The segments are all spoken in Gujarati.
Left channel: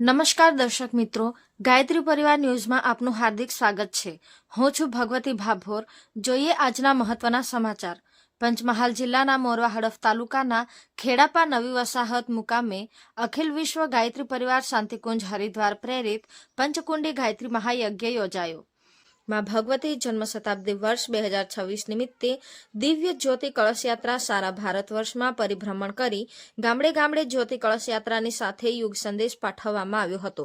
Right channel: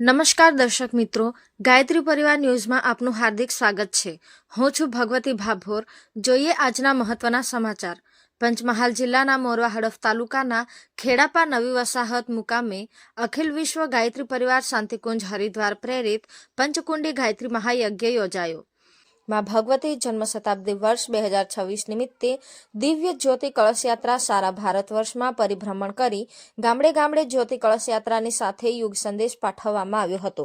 નમસ્કાર દર્શક મિત્રો, ગાયત્રી પરિવાર ન્યૂઝમાં આપનું હાર્દિક સ્વાગત છે. હું છું ભગવતી ભાભોર. જોઈએ આજના મહત્વના સમાચાર. પંચમહાલ જિલ્લાના મોરવા હડફ તાલુકાના ખેડાપા નવી વસાહત મુકામે અખિલ વિશ્વ ગાયત્રી પરિવાર શાંતિકુંજ હરિદ્વાર પ્રેરિત પંચકુંડી ગાયત્રી મહાયજ્ઞ યોજાયો. માં ભગવતી જન્મ શતાબ્દી વર્ષ 2026 નિમિત્તે દિવ્ય જ્યોતિ કળશયાત્રા સારા ભારત વર્ષમાં પરિભ્રમણ કરી ગામડે ગામડે જ્યોતિ કળશયાત્રાની સાથે યુગ સંદેશ પાઠવવામાં આવ્યો હતો.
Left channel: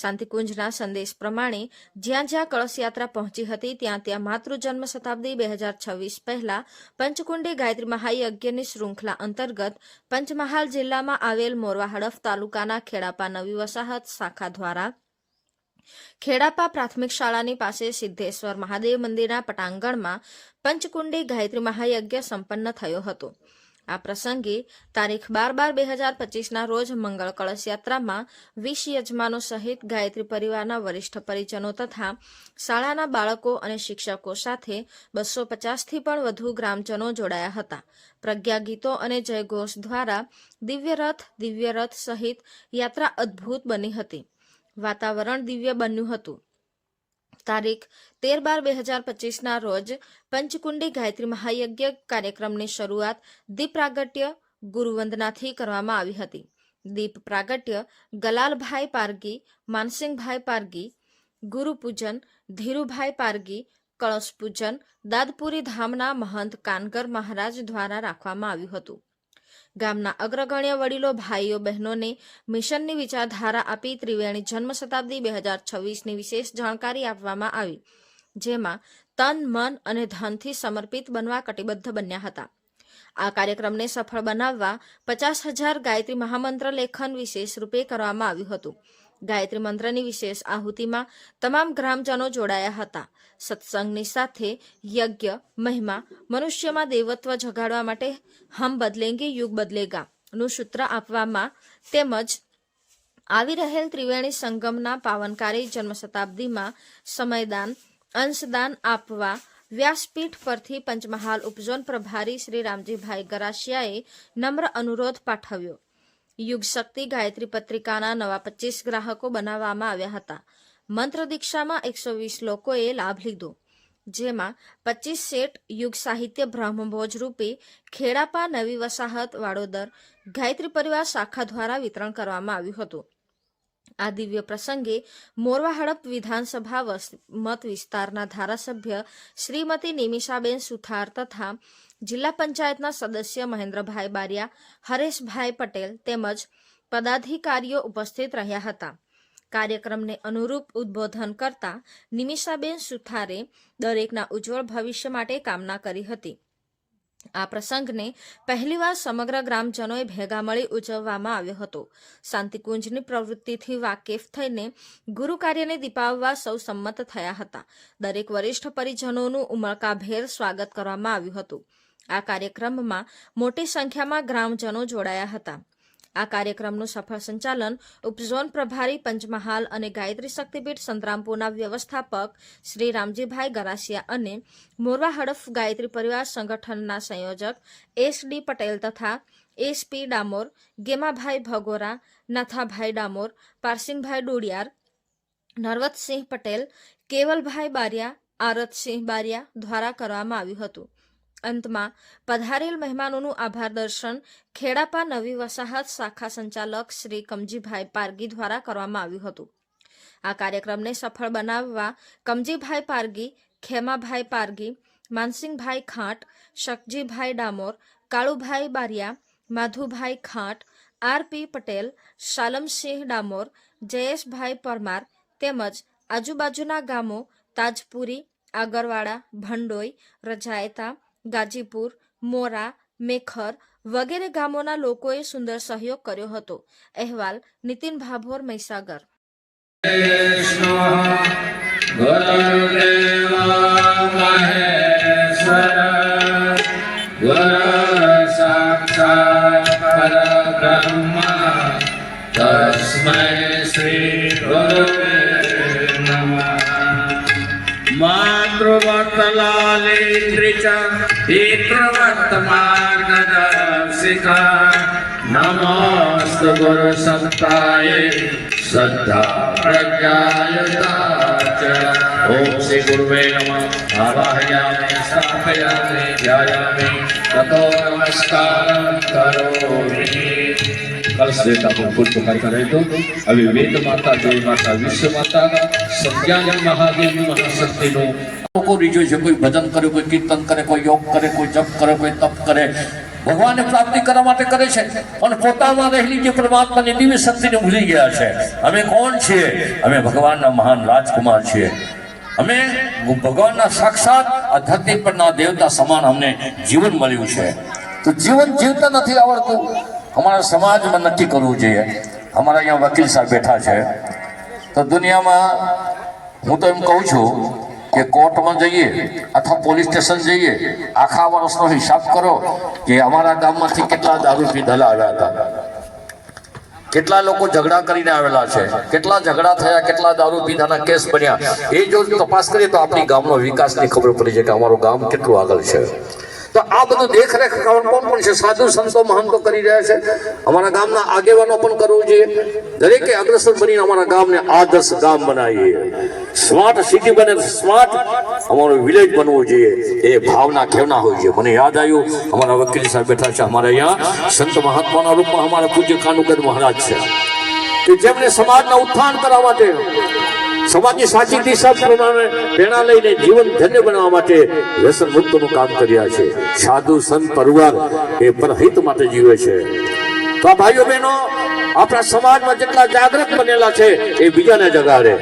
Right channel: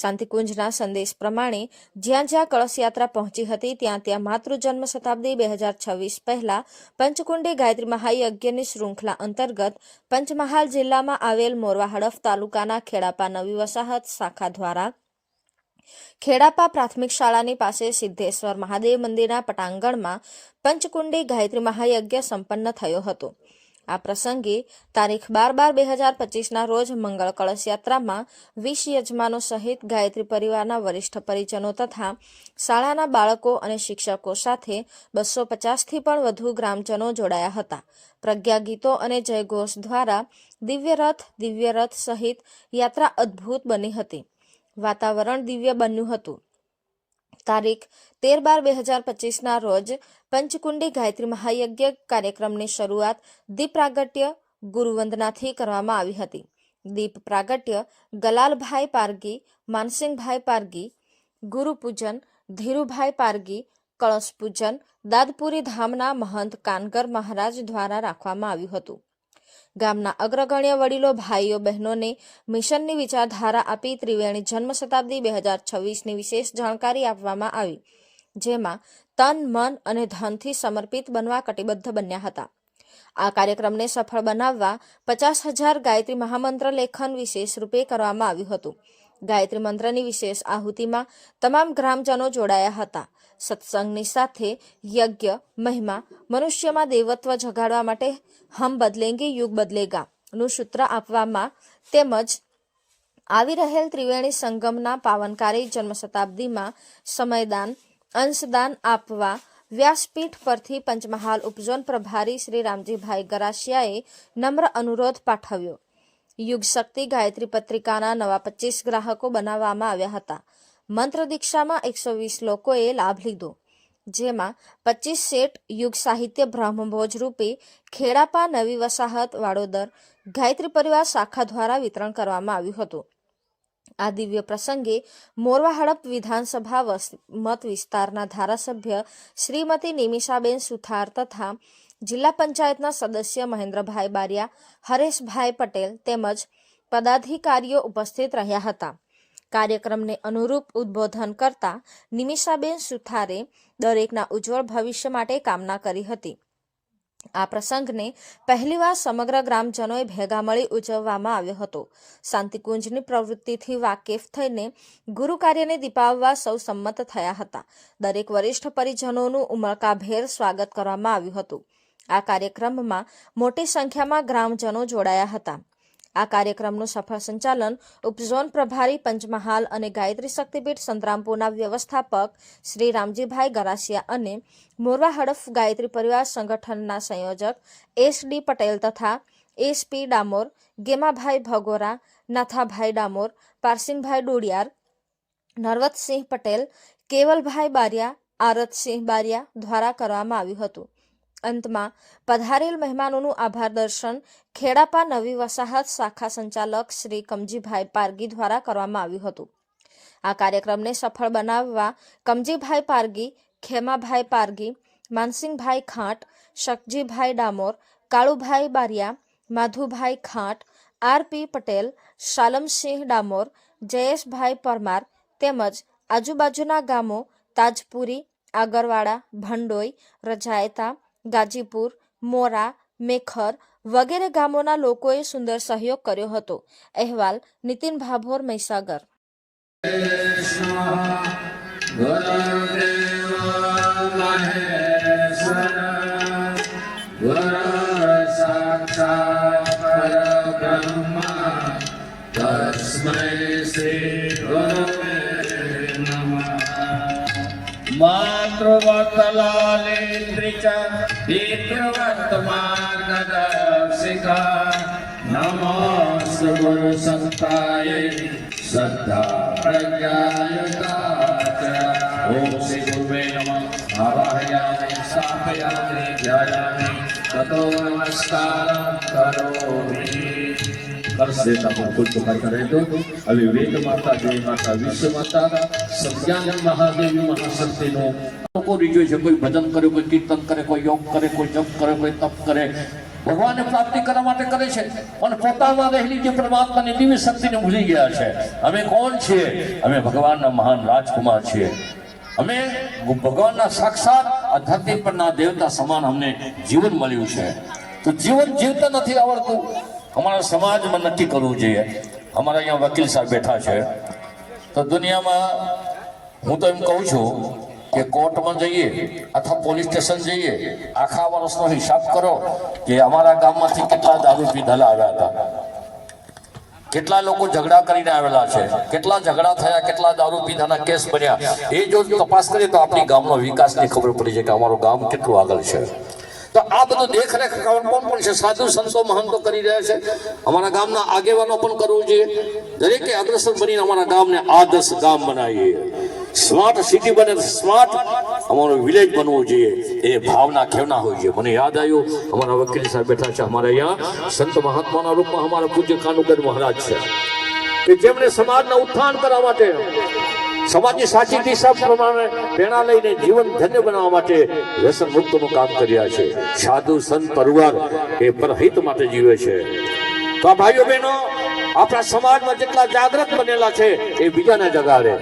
શાંતિકુંજના સંદેશ પ્રમાણે જ્યાં જ્યાં કળશયાત્રા પહોંચી હતી ત્યાં માતૃજન્મ શતાબ્દી 2026 પહેલા પંચકુંડી ગાયત્રી મહાયજ્ઞની શૃંખલા અંતર્ગત પંચમહાલ જિલ્લામાં આવેલ મોરવા હડફ તાલુકાના ખેડાપા નવી વસાહત શાખા દ્વારા ખેડાપા પ્રાથમિક શાળાની પાસે સિદ્ધેશ્વર મહાદેવ મંદિરના પટાંગણમાં પંચકુંડી ગાયત્રી મહાયજ્ઞ સંપન્ન થયો હતો. આ પ્રસંગે તારીખ 12/12/2025ના રોજ મંગળ કળશ યાત્રામાં 20 યજમાનો સહિત ગાયત્રી પરિવારના વરિષ્ઠ પરિજનો તથા શાળાના બાળકો અને શિક્ષકો સાથે 250થી પણ વધુ ગ્રામજનો જોડાયા હતા. પ્રજ્ઞા ગીતો અને જયઘોષ દ્વારા દિવ્ય રથ સહિત યાત્રા અદ્ભુત બની હતી. વાતાવરણ દિવ્ય બન્યું હતું. તારીખ 13/12/2025ના રોજ પંચકુંડી ગાયત્રી મહાયજ્ઞ કાર્યક્રમની શરૂઆત દીપ પ્રાગટ્ય ગુરુવંદનાથી કરવામાં આવી હતી. દીપ પ્રાગટ્ય ગલાલભાઈ પારગી, માનસિંહભાઈ પારગી, ગુરુપૂજન ધીરુભાઈ પારગી, કળશ પૂજન દાદપુરી ધામના મહંત કાનગર મહારાજ દ્વારા રાખવામાં આવ્યું હતું. ગામના અગ્રગણ્ય વડીલો, ભાઈઓ, બહેનોને મિશનની વિચારધારા આપી ત્રિવેણી જન્મ શતાબ્દી 2026ની વિશેષ જાણકારી આપવામાં આવી, જેમાં તન, મન અને ધનથી સમર્પિત બનવા કટિબદ્ધ બન્યા હતા. આ કાર્યક્રમને સફળ બનાવવા 50,000 ગાયત્રી મહામંત્ર લેખન વિશેષ રૂપે કરવામાં આવ્યું હતું. ગાયત્રી મંત્રની વિશેષ આહુતિમાં તમામ ગ્રામજનો જોડાયા હતા. સત્સંગની સાથે યજ્ઞ મહિમા, મનુષ્યમાં દેવત્વ જગાડવા માટે હમ બદલેંગે યુગ બદલેગા નું સૂત્ર આપવામાં તેમજ આવી રહેલ ત્રિવેણી સંગમના પાવનકારી જન્મ શતાબ્દીમાં સમયદાન, અંશદાન આપવા વ્યાસપીઠ પરથી પંચમહાલ ઉપઝોન પ્રભારી શ્રી રામજીભાઈ ગરાસિયાએ નમ્ર અનુરોધ પાઠવ્યો. યુગ શક્તિ ગાયત્રી પત્રિકાના નવા 25 ગ્રાહકો બનાવવામાં આવ્યા હતા. મંત્ર દીક્ષામાં 120 લોકોએ લાભ લીધો, જેમાં 25 સેટ યુગ સાહિત્ય બ્રહ્મભોજ રૂપે ખેડાપા નવી વસાહત વાડોદર ગાયત્રી પરિવાર શાખા દ્વારા વિતરણ કરવામાં આવ્યું હતું. આ દિવ્ય પ્રસંગે મોરવા હડપ વિધાનસભા મત વિસ્તારના ધારાસભ્ય શ્રીમતી નિમિષાબેન સુથાર તથા જિલ્લા પંચાયતના સદસ્ય મહેન્દ્રભાઈ બારિયા, હરેશભાઈ પટેલ તેમજ પદાધિકારીઓ ઉપસ્થિત રહ્યા હતા. કાર્યક્રમને અનુરૂપ ઉદ્બોધન કરતા નિમિષાબેન સુથારે દરેકના ઉજ્જવળ ભવિષ્ય માટે કામના કરી હતી. આ પ્રસંગને પહેલીવાર સમગ્ર ગ્રામજનોએ ભેગા મળી ઉજવવામાં આવ્યો હતો. શાંતિકુંજની પ્રવૃત્તિથી વાકેફ થઈને ગુરુ કાર્યને દીપાવવા સૌ સંમત થયા હતા. દરેક વરિષ્ઠ પરિજનોનું ઉમળકાભેર સ્વાગત કરવામાં આવ્યું હતું. આ કાર્યક્રમમાં મોટી સંખ્યામાં ગ્રામજનો જોડાયા હતા. આ કાર્યક્રમનું સફળ સંચાલન ઉપઝોન પ્રભારી પંચમહાલ અને ગાયત્રી શક્તિપીઠ સંતરામપુરના વ્યવસ્થાપક શ્રી રામજીભાઈ ગરાસિયા અને મોરવા હડફ ગાયત્રી પરિવાર સંગઠનના સંયોજક SD પટેલ તથા SP ડામોર, ગેમાભાઈ ભગોરા, નાથાભાઈ ડામોર, પારસિંગભાઈ ડોડિયાર, નરવતસિંહ પટેલ, કેવલભાઈ બારિયા, આરતસિંહ બારિયા દ્વારા કરવામાં આવ્યું હતું. અંતમાં પધારેલ મહેમાનોનું આભાર દર્શન ખેડાપા નવી વસાહત શાખા સંચાલક શ્રી કમજીભાઈ પારગી દ્વારા કરવામાં આવ્યું હતું. આ કાર્યક્રમને સફળ બનાવવા કમજીભાઈ પારગી, ખેમાભાઈ પારગી, માનસિંહભાઈ ખાંટ, શકજીભાઈ ડામોર, કાળુભાઈ બારિયા, માધુભાઈ ખાંટ, RP પટેલ, શાલમસિંહ ડામોર, જયેશભાઈ પરમાર તેમજ આજુબાજુના ગામો તાજપુરી, આગરવાડા, ભંડોઈ, રજાયતા, ગાજીપુર, મોરા, મેખર વગેરે ગામોના લોકોએ સુંદર સહયોગ કર્યો હતો. અહેવાલ નીતિન ભાભોર, મહીસાગર. मातृवत्सलालेन्द्रिचा पितृवत्तमार्गदर्शिका नमोऽस्तु गुरुसत्तायै શ્રદ્ધા પ્રજ્ઞાયુતા ચ ઓમ શ્રી ગુરુવે નમઃ આવાહયામિ સ્થાપયામિ ધ્યાયામિ તતો નમસ્કારં કરોમિ કલશ દેવતા પર પુષ્પ કરતા રહેજો હવે વેદ માતા દેવી માતા વિશ્વ માતા સત્યાની મહાદેવી મહાશક્તિનું લોકો રીજો છે, કોઈ ભજન કરે, કોઈ કીર્તન કરે, કોઈ યોગ કરે, કોઈ જપ કરે, કોઈ તપ કરે, ભગવાનને પ્રાપ્તિ કરવા માટે કરે છે, પણ પોતામાં રહેલી જે પરમાત્માની દિવ્ય શક્તિને ભૂલી ગયા છે. અમે કોણ છીએ? અમે ભગવાનના મહાન રાજકુમાર છીએ. અમે ભગવાનના સાક્ષાત આ ધરતી પરના દેવતા સમાન અમને જીવન મળ્યું છે. તો જીવન જીવતા નથી આવડતું. અમારા સમાજમાં નક્કી કરવું જોઈએ. અમારા અહીંયા વકીલ સાહેબ બેઠા છે, તો દુનિયામાં હું તો એમ કહું છું કે કોર્ટમાં જઈએ અથવા પોલીસ સ્ટેશન જઈએ, આખા વર્ષનો હિસાબ કરો કે અમારા ગામમાંથી કેટલા દારૂ પીધેલા આવ્યા હતા, કેટલા લોકો ઝઘડા કરીને આવેલા છે, કેટલા ઝઘડા થયા, કેટલા દારૂ પીધાના કેસ બન્યા. એ જો તપાસ કરીએ તો આપણી ગામનો વિકાસની ખબર પડી છે કે અમારું ગામ કેટલું આગળ છે. તો આ બધું દેખરેખ કોણ પણ છે? સાધુ સંતો મહંતો કરી રહ્યા છે. અમારા ગામના આગેવાનો પણ કરવું જોઈએ. દરેકે અગ્રસર બનીને અમારા ગામને આદર્શ ગામ બનાવીએ. સ્માર્ટ સિટી બને, સ્માર્ટ અમારું વિલેજ બનવું જોઈએ. એ ભાવના કેવના હોય છે. મને યાદ આવ્યું, અમારા વકીલ સાહેબ બેઠા છે, અમારા અહીંયા સંત મહાત્માના રૂપમાં અમારા પૂજ્ય કાનુગર મહારાજ છે, કે જેમને સમાજના ઉત્થાન કરવા માટે, સમાજની સાચી દિશા પ્રમાણે પ્રેરણા લઈને જીવન ધન્ય બનાવવા માટે વ્યસન મુક્તનું કામ કર્યા છે. સાધુ સંત પરિવાર એ પરહિત માટે જીવે છે. તો આ ભાઈઓ બહેનો, આપણા સમાજમાં જેટલા જાગૃત બનેલા છે એ બીજાને જગાડે.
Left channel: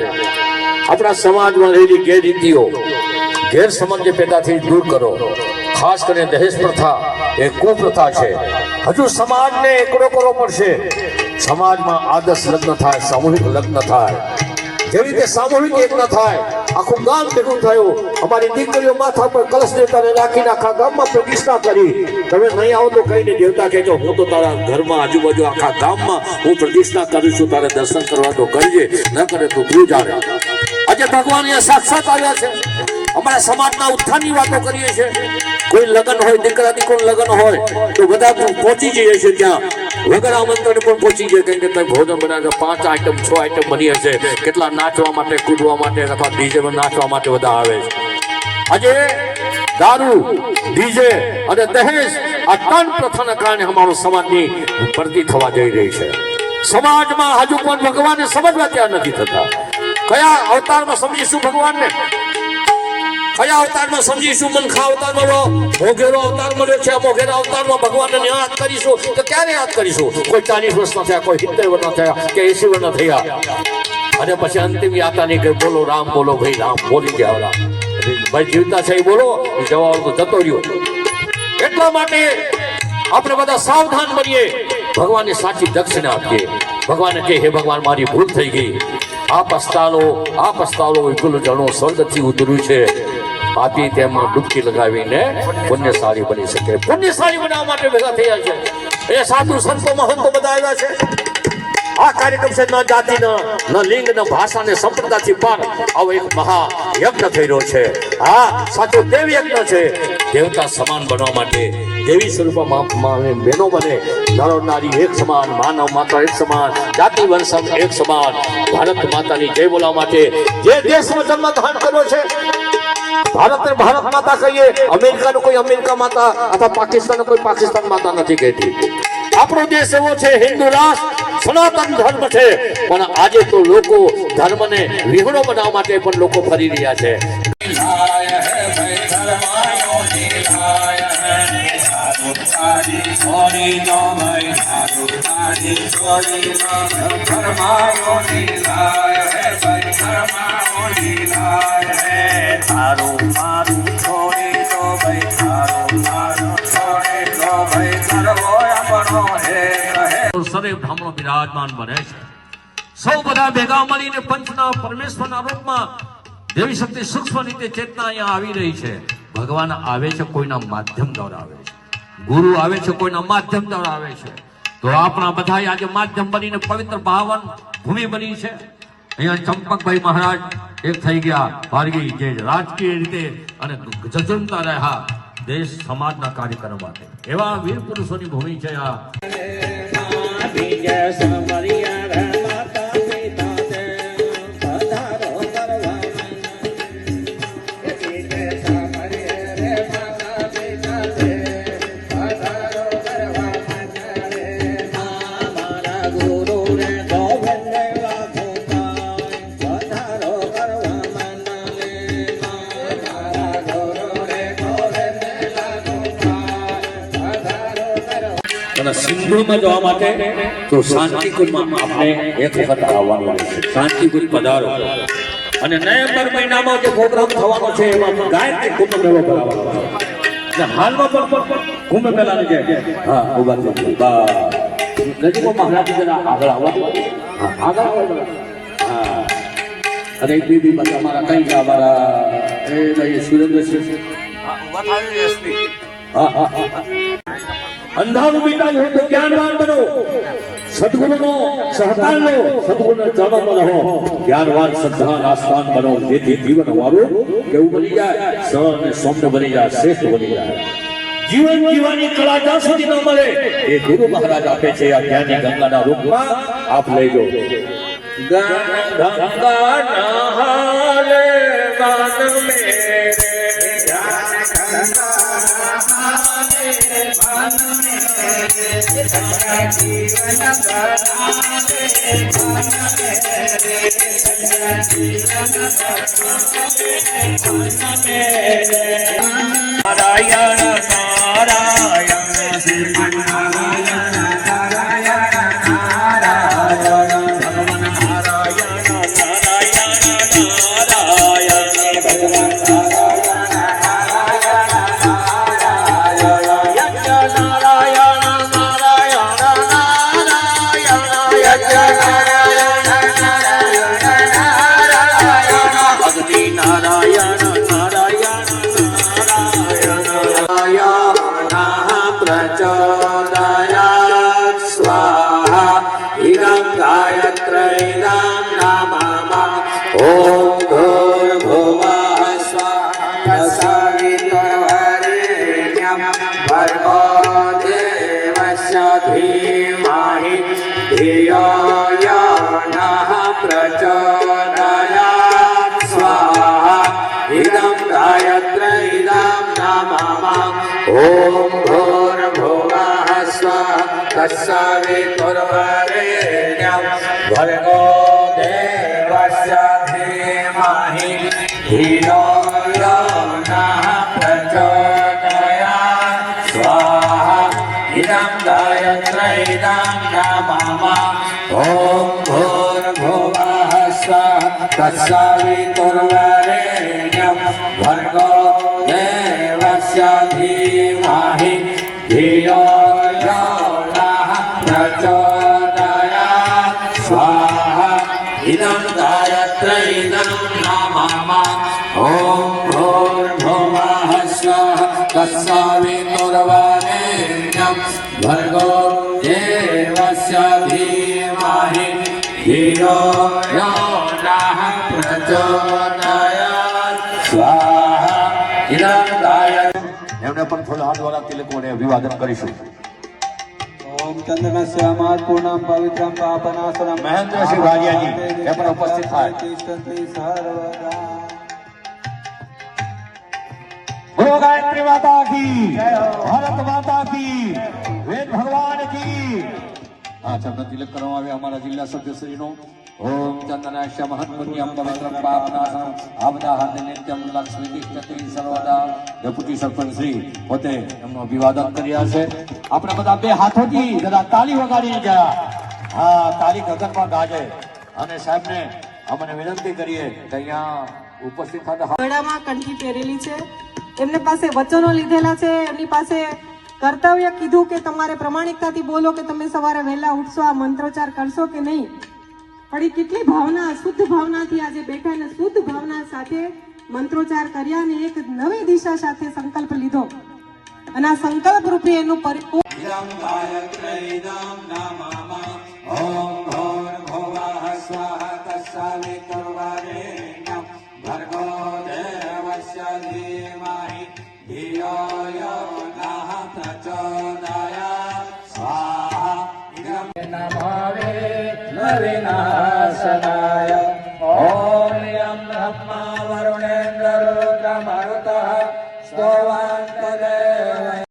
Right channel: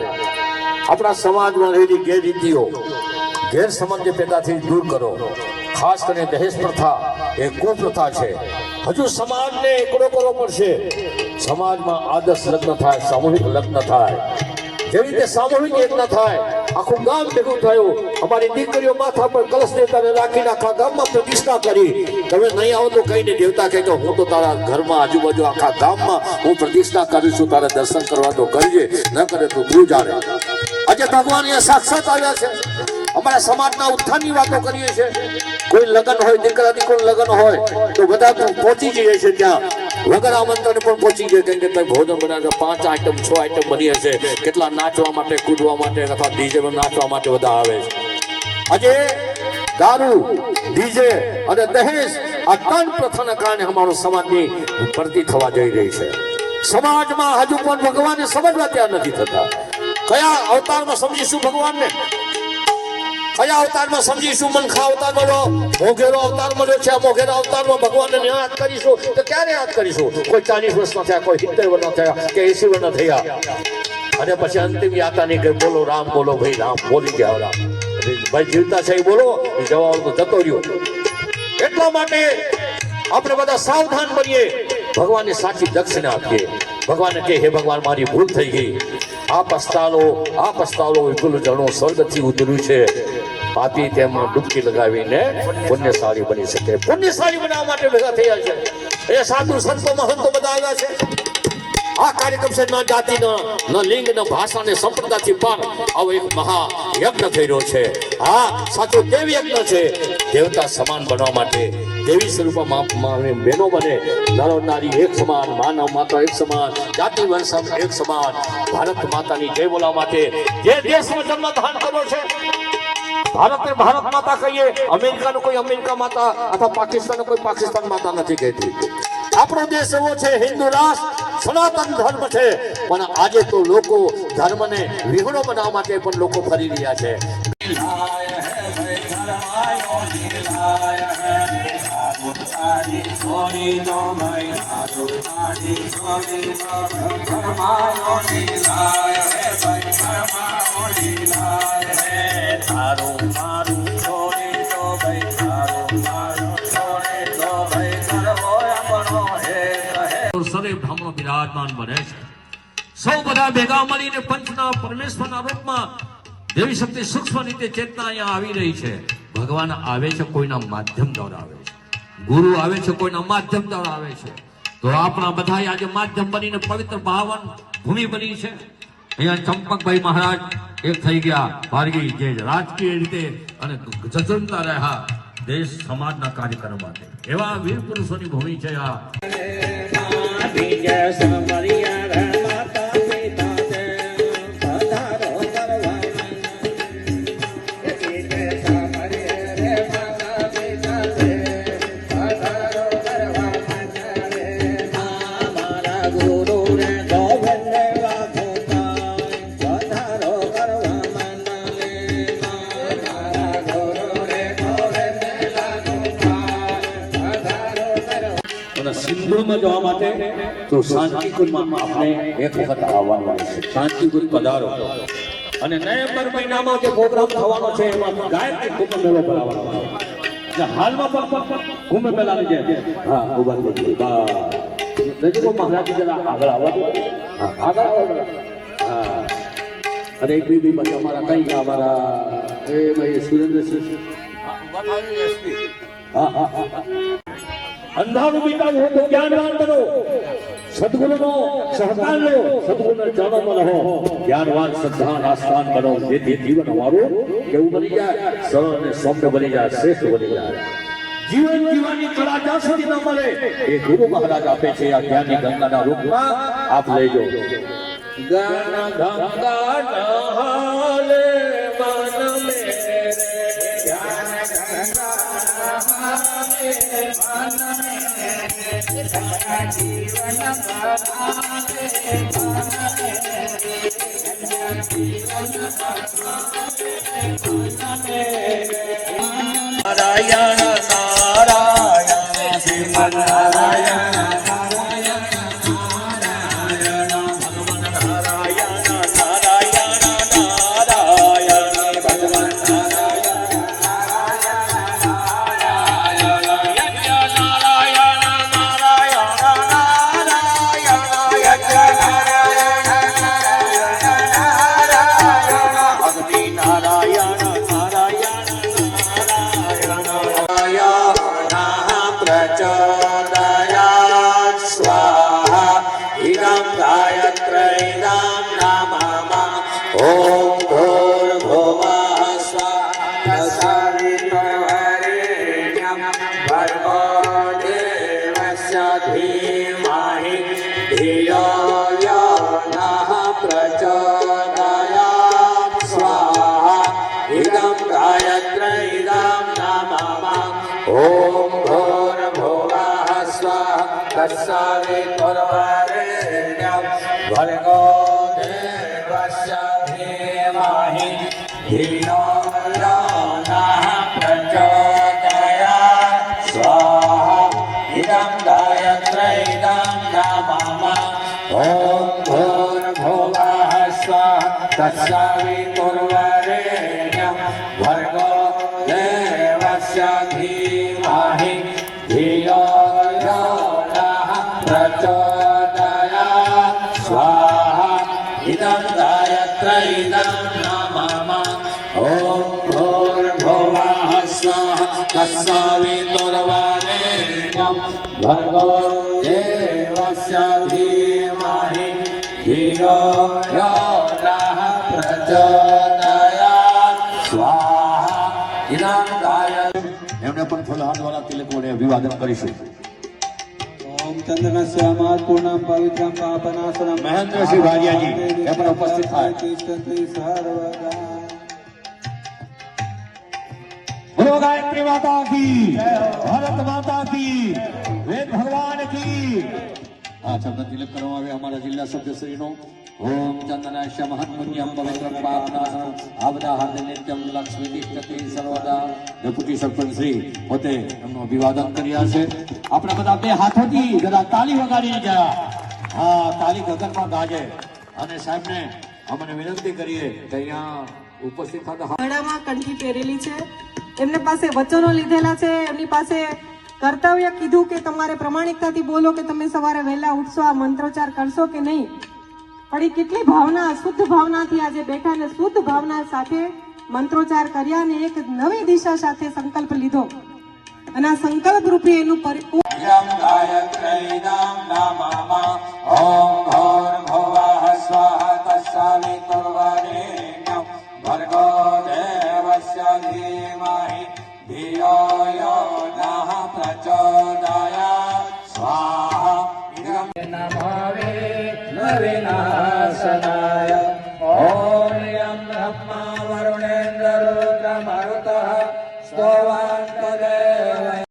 આપણા સમાજમાં રહેલી ગેરરીતિઓ, ગેરસમજ જે પેદા થઈ દૂર કરો. ખાસ કરીને દહેજ પ્રથા એ કુપ્રથા છે. હજુ સમાજને એકડો કરવો પડશે. સમાજમાં આદર્શ લગ્ન થાય, સામૂહિક લગ્ન થાય. જેવી રીતે સામૂહિક યજ્ઞ થાય, આખું ગામ ભેગું થયું. અમારી દીકરીઓ માથા પર કલશ દેવતાને રાખીને આખા ગામમાં પ્રતિષ્ઠા કરી. તમે નહીં આવો તો કહીને દેવતા કહેજો, હું તો તારા ઘરમાં આજુબાજુ આખા ગામમાં હું પ્રતિષ્ઠા કરું છું, તારે દર્શન કરવા તો કરજે, ન કરે તો તું જાણે. આજે ભગવાન અહીંયા સાક્ષાત આવ્યા છે. અમારા સમાજના ઉત્થાનની વાતો કરીએ છીએ. કોઈ લગ્ન હોય, દીકરા દીકરીનું લગ્ન હોય તો બધા પહોંચી જઈએ છીએ ત્યાં. વગર આમંત્રણ પણ પહોંચી જાય. કંઈ કે ભોજન બનાવે, 5 આઈટમ 6 આઈટમ બની હશે. કેટલા નાચવા માટે, કૂદવા માટે અથવા ડીજેમાં નાચવા માટે બધા આવે છે. આજે દારૂ, ડીજે અને દહેજ આ 3 પ્રથાના કારણે અમારો સમાજની ભરતી થવા જઈ રહી છે. સમાજમાં હજુ પણ ભગવાનને સમજવા ત્યાં નથી થતા. કયા અવતારમાં સમજીશું ભગવાનને? કયા અવતારમાં સમજીશું? મનખા અવતાર મળ્યો, મોઘેરો અવતાર મળ્યો છે. મોઘેરા અવતારમાં ભગવાનને યાદ કરીશું તો ક્યારે યાદ કરીશું? કોઈ 40 વર્ષના થયા, કોઈ 70 વર્ષના થયા, કે 80 વર્ષના થયા, અને પછી અંતિમ યાત્રાની કે બોલો રામ, બોલો ભાઈ રામ, બોલી ગયા રામ. ભાઈ જીવતા છે એ બોલો, એ જવાબ તો જતો રહ્યો. એટલા માટે આપણે બધા સાવધાન બનીએ, ભગવાનને સાચી દક્ષિણા આપીએ. ભગવાનને કહે, હે ભગવાન, મારી ભૂલ થઈ ગઈ. આ પસ્તાલો વિપુલ જણો સ્વર્ગથી ઉતર્યું છે. પાપી તેમાં ડૂબકી લગાવીને પુણ્યશાળી બની શકે. પુણ્યશાળી બનાવવા માટે ભેગા થયા છે. એ સાધુ સંતો મહંતો બધા આવ્યા છે. આ કાર્યક્રમ છે ન જાતિ, ન લિંગ, ન ભાષા, ને સંપ્રદાયથી પાર આવો એક મહાયજ્ઞ થઈ રહ્યો છે. આ સાચો દેવ યજ્ઞ છે. દેવતા સમાન બનવા માટે દેવી સ્વરૂપમાં બહેનો બને. નરો નારી એક સમાન, માનવ માતા એક સમાન, જાતિ વંશમ એક સમાન. ભારત માતાની જય બોલવા માટે જે દેશમાં જન્મ ધારણ કર્યો છે, ભારતને ભારત માતા કહીએ. અમેરિકાનો કોઈ અમેરિકા માતા અથવા પાકિસ્તાન કોઈ પાકિસ્તાન માતા નથી કહેતી. આપણો દેશ એવો છે, હિન્દુ રાષ્ટ્ર, સનાતન ધર્મ છે. પણ આજે તો લોકો ધર્મને વિહોણો બનાવવા માટે પણ લોકો ફરી રહ્યા છે. સરે બ્રાહ્મણો બિરાજમાન બને છે. સૌ બધા ભેગા મળીને પંચના પરમેશ્વરના રૂપમાં દેવી શક્તિ સૂક્ષ્મ રીતે ચેતના અહીંયા આવી રહી છે. ભગવાન આવે છે કોઈના માધ્યમ દ્વારા આવે છે. ગુરુ આવે છે કોઈના માધ્યમ દ્વારા આવે છે. તો આપણા બધા આજે માધ્યમ બનીને પવિત્ર પાવન ભૂમિ બની છે. અહીંયા ચંપકભાઈ મહારાજ એક થઈ ગયા ભાર્ગી, જે રાજકીય રીતે અને જજુમતા રહ્યા દેશ સમાજના કાર્યક્રમ માટે. એવા વીર પુરુષોની ભૂમિ છે આ. સિંધુમાં જવા માટે તો શાંતિકુંજમાં આપણે એક વખત આવવાનું રહેશે. શાંતિકુંજ પધારો. અને નવેમ્બર મહિનામાં જે પ્રોગ્રામ થવાનો છે એમાં ગાયત્રી કુંભ મેળો ભરાવાનો છે. અને હાલમાં પણ કુંભ મેળાની જે હા ઉભા થઈ બા નજીકમાં મહારાજ જરા આગળ આવવા દો. હા આગળ આવવા. હા અરે બીબી બસ અમારા કઈ અમારા એ ભાઈ સુરેન્દ્રસિંહ હા હા અંધારું મિટાવું હોય તો જ્ઞાનવાન બનો. સદગુરુનો સહકાર લો, સદગુરુના ચરણોમાં રહો, જ્ઞાનવાન શ્રદ્ધાન આસ્થાન બનો, જેથી જીવન અમારું કેવું બની જાય, સરળ અને સૌમ્ય બની જાય, શ્રેષ્ઠ બની જાય. જીવન જીવવાની કળા જ્યાં સુધી ન મળે એ ગુરુ મહારાજ આપે છે આ જ્ઞાની ગંગાના રૂપમાં. આપ લઈ જાઓ. ગંગા નહાલે બાન મેરે નારાયણ ओम भूर्भुवः स्वः तत्सवितुर्वरेण्यं भर्गो देवस्य धीमहि धियो यो नः प्रचोदयात् स्वाहा इदं गायत्री इदं नमः ओम भूर्भुवः स्वः तत्सवितुर्वरेण्यं भर्गो देवस्य धीमहि धियो यो नः प्रचोदयात् स्वाहा इदं गायत्री इदं नमः ओम भूर्भुवः स्वः तत्सवितुर्वरेण्यं भर्गो देवस्य धीमहि धियो यो नः प्रचोदयात् स्वाहा इदं गायत्री એમને પણ ફૂલ હાથ દ્વારા તિલક વડે અભિવાદન કરીશું. ओम चंद्रमस्यामात् पूर्णं पवित्रं पापनाशनं મહેન્દ્રસિંહ ભાટિયાજી એ પણ ઉપસ્થિત થાય. બોલો ગાયત્રી માતા કી ભારત માતા કી વેદ ભગવાન કી. આ શબ્દ તિલક કરવામાં આવ્યા અમારા જિલ્લા સભ્યશ્રીનો. ઓમ ચંદનાશ્ય મહત્પુણ્યમ પવિત્રમ પાપનાશનમ આવદાહાર્દે નિત્યમ લક્ષ્મી તિષ્ઠતિ સર્વદા. ડેપ્યુટી સરપંચ શ્રી પોતે એમનું અભિવાદન કર્યા છે. આપણે બધા બે હાથોથી જરા તાળી વગાડીએ જરા. હા તાળી ગગનમાં ગાજે. અને સાહેબને અમને વિનંતી કરીએ કે અહીંયા ઉપસ્થિત થતા ગળામાં કંઠી પહેરેલી છે. એમને પાસે વચનો લીધેલા છે. એમની પાસે કર્તવ્ય કીધું કે તમારે પ્રમાણિકતાથી બોલો કે તમે સવારે વહેલા ઉઠશો, આ મંત્રોચ્ચાર કરશો કે નહીં. પણ એ કેટલી ભાવના, શુદ્ધ ભાવનાથી આજે બેઠા ને શુદ્ધ ભાવના સાથે મંત્રોચ્ચાર કર્યા અને એક નવી દિશા સાથે સંકલ્પ લીધો અને આ સંકલ્પ રૂપે એનું यं गायत्रीदं नमः ओम भूर्भुवः स्वः तत्सवितुर्वरेण्यं भर्गो देवस्य धीमहि धियो यो नः प्रचोदयात् स्वाहा इदं नमः विनाशनाय ओम यं ब्रह्मा वरुणेन्द्रो मरुतः स्तोवान्